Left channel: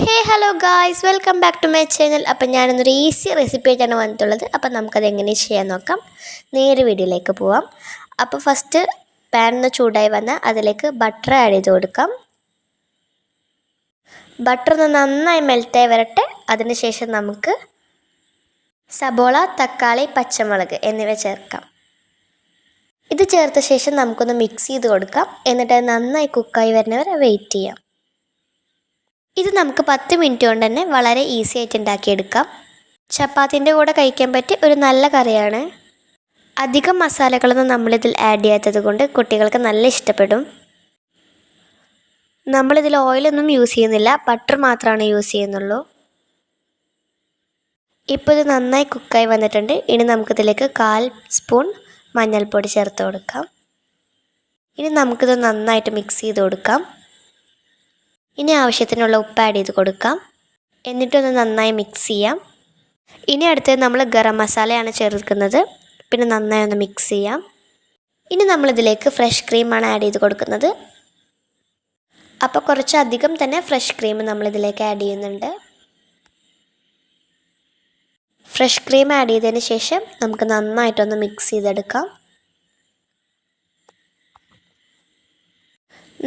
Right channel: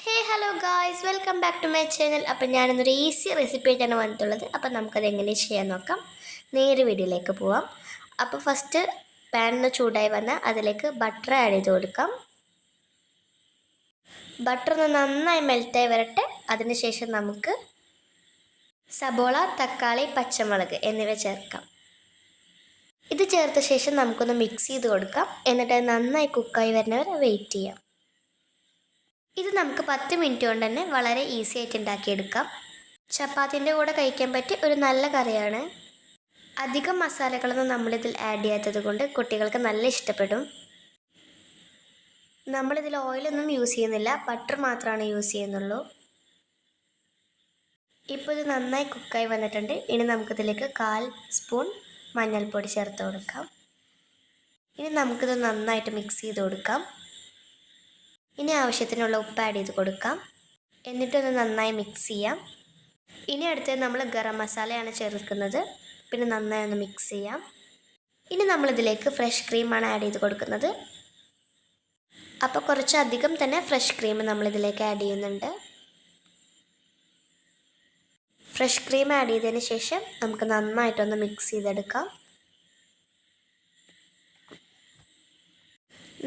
Hey hello guys, welcome back to my channel. അപ്പം ഞാനൊന്നൊരു easy recipe ആയിട്ടാണ് വന്നിട്ടുള്ളത്. അപ്പം നമുക്കത് എങ്ങനെ ചെയ്യാൻ നോക്കാം. നേരെ വീഡിയോയിലേക്ക് പോവാം. അപ്പോൾ ഫസ്റ്റ് പാൻ ഒന്ന് ചൂടായി വന്നാൽ അതിലേക്ക് ബട്ടർ ആഡ് ചെയ്ത് കൊടുക്കാം. ബട്ടർ ഒന്ന് നന്നായി മെൽറ്റായി വരട്ടെ. അതിനുശേഷം നമുക്ക് സബോള, തക്കാളി, പച്ചമുളക് എന്നിവ ചേർക്കാം. ഇത് ചേർത്ത ശേഷം നമുക്കൊന്ന് മിക്സ് ചെയ്ത് കൊടുക്കാം. എന്നിട്ട് നന്നായി കുക്കായി വരുന്നവരെ വെയിറ്റ് ചെയ്യാം. ഇത് നമുക്ക് 10 മിനിറ്റ് കൊണ്ട് തന്നെ വളരെ ഈസി ആയിട്ട് ഉണ്ടാക്കിയെടുക്കാം. ചപ്പാത്തിൻ്റെ കൂടെ കഴിക്കാൻ പറ്റിയ ഒരു നല്ല കറിയാണ്. അധികം മസാലകളൊന്നും നമ്മളിതിൽ ആഡ് ചെയ്യാത്തത് കൊണ്ട് കുട്ടികൾക്ക് നല്ല ഇഷ്ടപ്പെടും. നമ്മളിതിൽ ഓയിലൊന്നും യൂസ് ചെയ്യുന്നില്ല, ബട്ടർ മാത്രമാണ് യൂസ് ചെയ്യുന്നുള്ളൂ. ഇപ്പോൾ ഇത് നന്നായി കുക്കായി വന്നിട്ടുണ്ട്. ഇനി നമുക്കിതിലേക്ക് 1/4 സ്പൂൺ മഞ്ഞൾപ്പൊടി ചേർത്ത് കൊടുക്കാം. ഇനി നമുക്കിത് നന്നായിട്ട് മിക്സ് ചെയ്ത് കൊടുക്കാം. ഇനി ആവശ്യത്തിനുള്ള ഉപ്പ് ആഡ് ചെയ്ത് കൊടുക്കാം. എന്നിട്ടൊന്ന് നന്നായി മിക്സ് ചെയ്യാം. ഇനി അടുത്തത് നമ്മൾ ഗരം മസാലയാണ് ചേർക്കുന്നത്. പിന്നെ നന്നായി ഒന്ന് മിക്സ് ചെയ്യാം. ഇനി നമ്മളിതിലേക്ക് ഫ്രഷ് ക്രീമാണ് ആഡ് ചെയ്ത് കൊടുക്കുന്നത്. അപ്പോൾ കുറച്ചധികം തന്നെ ഫ്രഷ് ക്രീം നമ്മളിതിലേക്ക് ആഡ് ചെയ്യുന്നുണ്ട്. ഫ്രഷ് ക്രീം ആഡ് ചെയ്തതിന് ശേഷം നമുക്ക് നന്നായിട്ടൊന്ന് മിക്സ് ചെയ്തെടുക്കാം.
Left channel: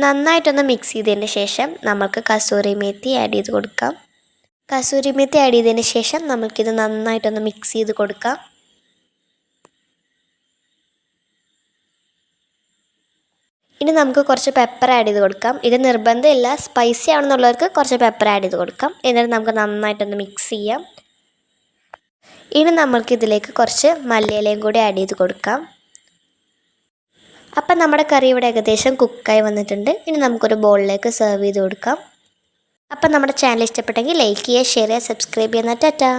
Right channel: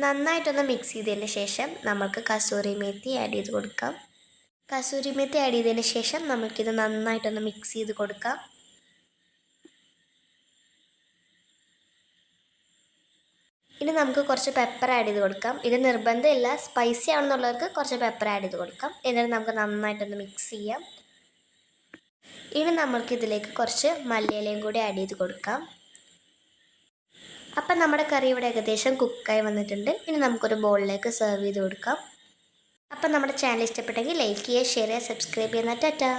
നന്നായിട്ടൊന്ന് മിക്സ് ചെയ്തതിന് ശേഷം നമുക്ക് കസൂരി മേത്തി ആഡ് ചെയ്ത് കൊടുക്കാം. കസൂരി മേത്തി ആഡ് ചെയ്തതിന് ശേഷം നമുക്കിത് നന്നായിട്ടൊന്ന് മിക്സ് ചെയ്ത് കൊടുക്കാം. ഇനി നമുക്ക് കുറച്ച് പെപ്പർ ആഡ് ചെയ്ത് കൊടുക്കാം. ഇത് നിർബന്ധമില്ല, സ്പൈസി ആണെന്നുള്ളവർക്ക് കുറച്ച് പെപ്പർ ആഡ് ചെയ്ത് കൊടുക്കാം. എന്നിട്ട് നമുക്ക് നന്നായിട്ടൊന്ന് മിക്സ് ചെയ്യാം. ഇനി നമുക്കിതിലേക്ക് കുറച്ച് മല്ലിയിലയും കൂടി ആഡ് ചെയ്ത് കൊടുക്കാം. അപ്പം നമ്മുടെ കറി ഇവിടെ ഏകദേശം കുക്കായി വന്നിട്ടുണ്ട്. ഇനി നമുക്കൊരു ബൗളിലേക്ക് സെർവ് ചെയ്ത് കൊടുക്കാം. അപ്പം നമ്മുടെ ചാനൽ ഇഷ്ടപ്പെട്ടെങ്കിൽ ലൈക്ക് ചെയ്യുക, ഷെയർ ചെയ്യുക, സബ്സ്ക്രൈബ് ചെയ്യുക. ടാറ്റാ.